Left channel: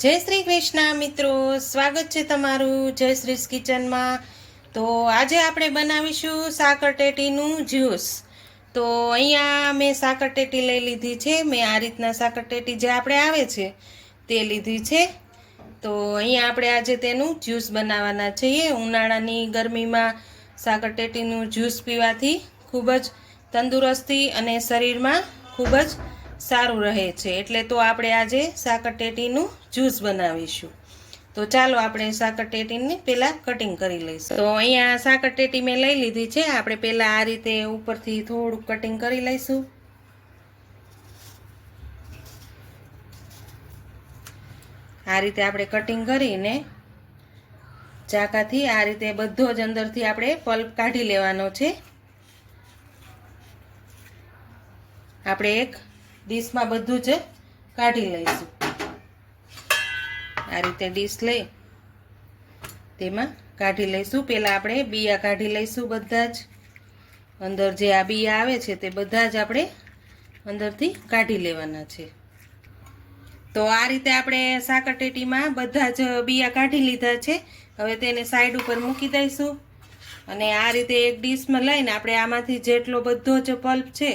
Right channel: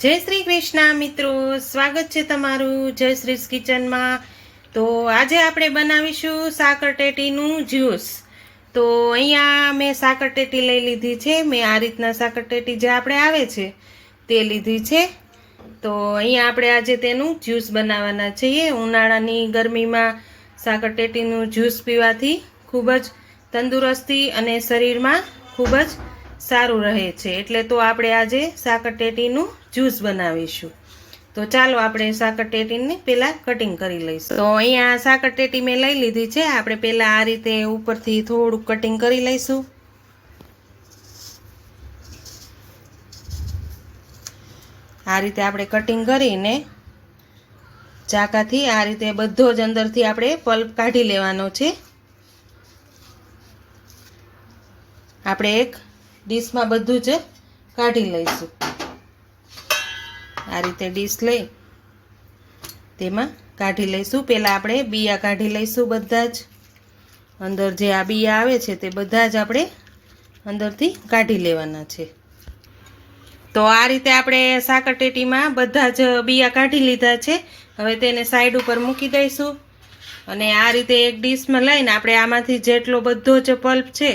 જય શ્રી કૃષ્ણ મિત્રો, સ્વાગત છે તમારું જય શ્રી કિચનમાં. તો આજે આપણે બનાવીશું સાકરટેટીનું જ્યુસ. તો અહીંયા મેં સાકરટેટી લઈ લીધી છે, મેં આ રીતના સાકરટેટી જે આપણે આવે છે, તે લીધી છે. તો અહીંયા આપણે આજે તેનું જ્યુસ બનાવવાના છીએ. ઉનાળાની ગરમીમાં સાકરટેટીનું જ્યુસ પીવાથી ખૂબ જ તંદુરસ્તી અને શરીરમાં ખૂબ જ સારું રહે છે. એટલે તો આપણે આજે સાકરટેટીનું જ્યુસ બનાવીશું. તો ચાલો આપણે સાકરટેટીને પહેલાં કટિંગ કરી લઈશું. તો અહીંયા સાકરટેટી મેં લઈ લીધી છે. આપણે પહેલાં આ રીતે ઉપરથી થોડુંક કટિંગ કરી લઈશું. આ રીતે આપણે કટિંગ કરીને ચાકાથી આ રીતે બધો જ અંદરથી આપણે પલ્પ કાઢી લેવાનો છે. આપણે એક ડીશમાં બધું જ કાઢી લઈશું. આ રીતે ડીશ લઈ તેમાં કાઢી લઈશું. પહેલાં આપણે બિયા કાઢી લઈશું બધા જ. અંદર જે આ બિયા આવે છે તે બધા જ આપણે અંદરથી કાઢી લેવાના છે. તો આ રીતે આપણે સાકરટેટીમાં બધા જ બિયા કાઢી લીધા છે. હવે તેને સાઈડ ઉપર મૂકી દઈશું. અને આ રીતે એક ડીશમાં લઈને આપણે આમાંથી જેટલો બધો જ પલ્પ છે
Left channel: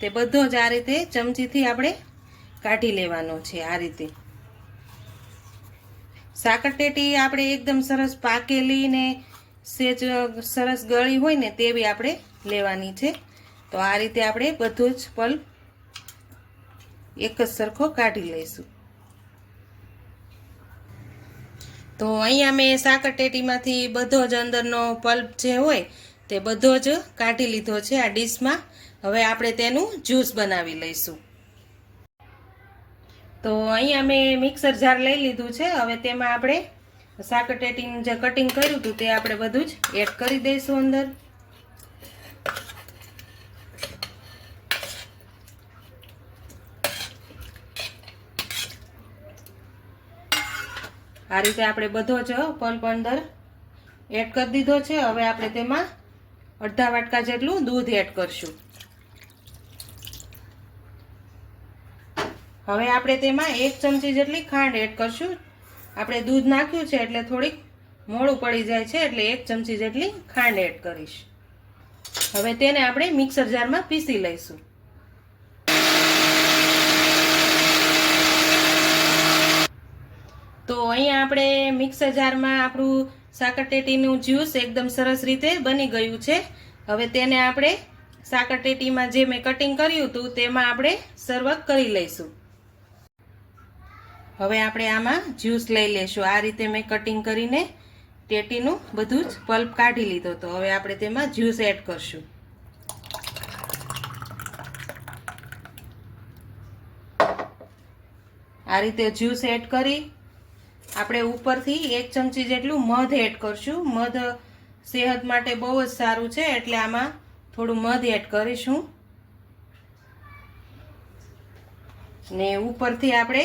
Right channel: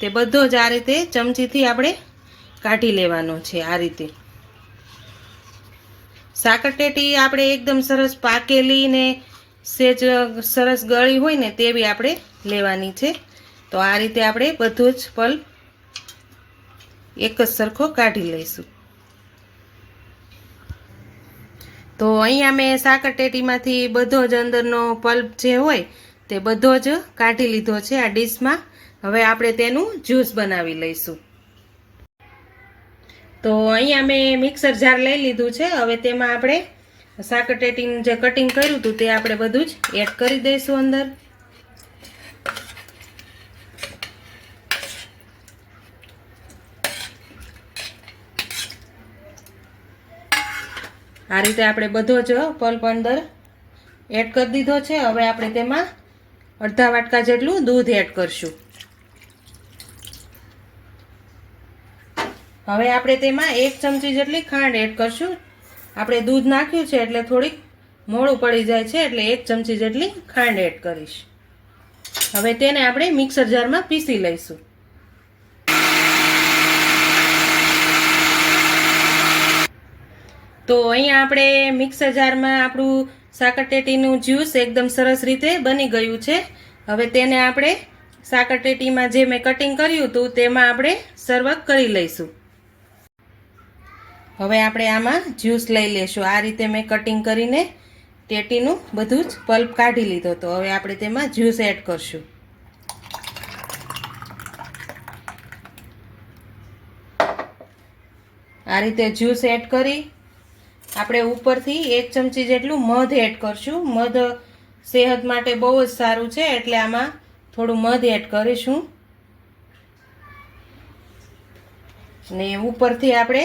તે બધો જ આ રીતે ચમચીથી આપણે કાઢી લેવાનો છે આ રીતે. સાકરટેટી આપણે એકદમ સરસ પાકેલી ને સેજ સરસ ગળી હોય ને તેવી આપણે લેવાની છે. તો આ રીતે આપણે બધું જ પલ્પ એક જ સરખો કાઢી લઈશું. તો અહીંયા મેં સાકરટેટીમાંથી બધો જ અંદરનો પલ્પ જે હોય તે બધો જ કાઢી લીધો છે આ ડીશમાં. હવે આપણે તેનું જ્યુસ બનાવી લઈશું. તો અહીંયા મેં મિક્સર જાર લઈ લીધું છે. હવે તેમાં આપણે સાકરટેટીનું જે કટિંગ કર્યું હતું તે આપણે બધું જ એડ કરી દઈશું અંદર. આ રીતે આપણે બધો જ પલ્પ અંદર એડ કરી દીધો છે. હવે આપણે તેમાં અડધા વાટકા જેટલું દૂધ એડ કરશું. હવે આપણે તેમાં એક ચમચી જેટલી ખાંડ એડ કરશું. આપણે દૂધ નાખ્યું છે એટલે થોડીક મોડું પડી જાય છે એટલે એક ચમચી જેટલી ખાંડ એડ કરીશ. હવે તેને આપણે મિક્સર જારમાં પીસી લઈશું. તો અહીંયા આપણે મિક્સર જારમાં આપણું સાકરટેટીનું જ્યુસ એકદમ સરસ રીતે બની ગયું છે. હવે તેને આપણે સાકરટેટીમાં જે મેં કટિંગ કર્યું હતું તેમાં આપણે સર્વ કરી લઈશું. હવે આપણે આમાં જ્યુસ લઈ લેશું. આ રીતે મેં કટિંગ કરીને ટેટીનું બધું જ પલ્પ કાઢી લીધો તો હવે આપણે તેમાં જ્યુસ એડ કરશું. આ રીતે જ્યુસ એડ કરી આપણે ઉપરથી એક ચમચી જેટલું મધ એડ કરશું. મધ સેહત માટે બહુ જ સારું છે, એટલે આમાં થોડું મધ એડ કરીશું. ને ઉપરથી આપણે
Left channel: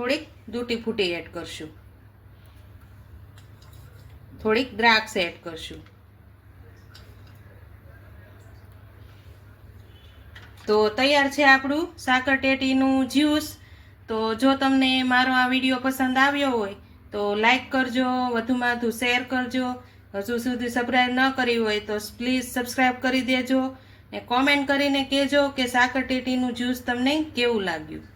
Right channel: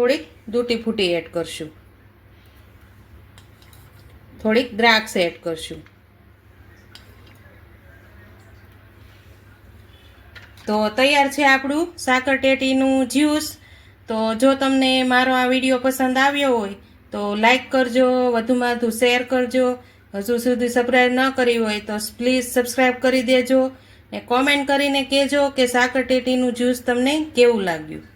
થોડીક દૂટી ફૂટી એડ કરશું. થોડીક દ્રાક્ષ એડ કરશું. તો તૈયાર છે આપણું સાકરટેટીનું જ્યુસ. તો જો તમને મારો આ વીડિયો પસંદ આવ્યો હોય, તો લાઈક કરજો, વધુમાં વધુ શેર કરજો. હજુ સુધી સબસ્ક્રાઈબ ન કરી હોય, તો પ્લીઝ સબસ્ક્રાઈબ કરી દેજો ને કોમેન્ટ કરીને કહેજો કે સાકરટેટીનું જ્યુસ તમને કેવું લાગ્યું.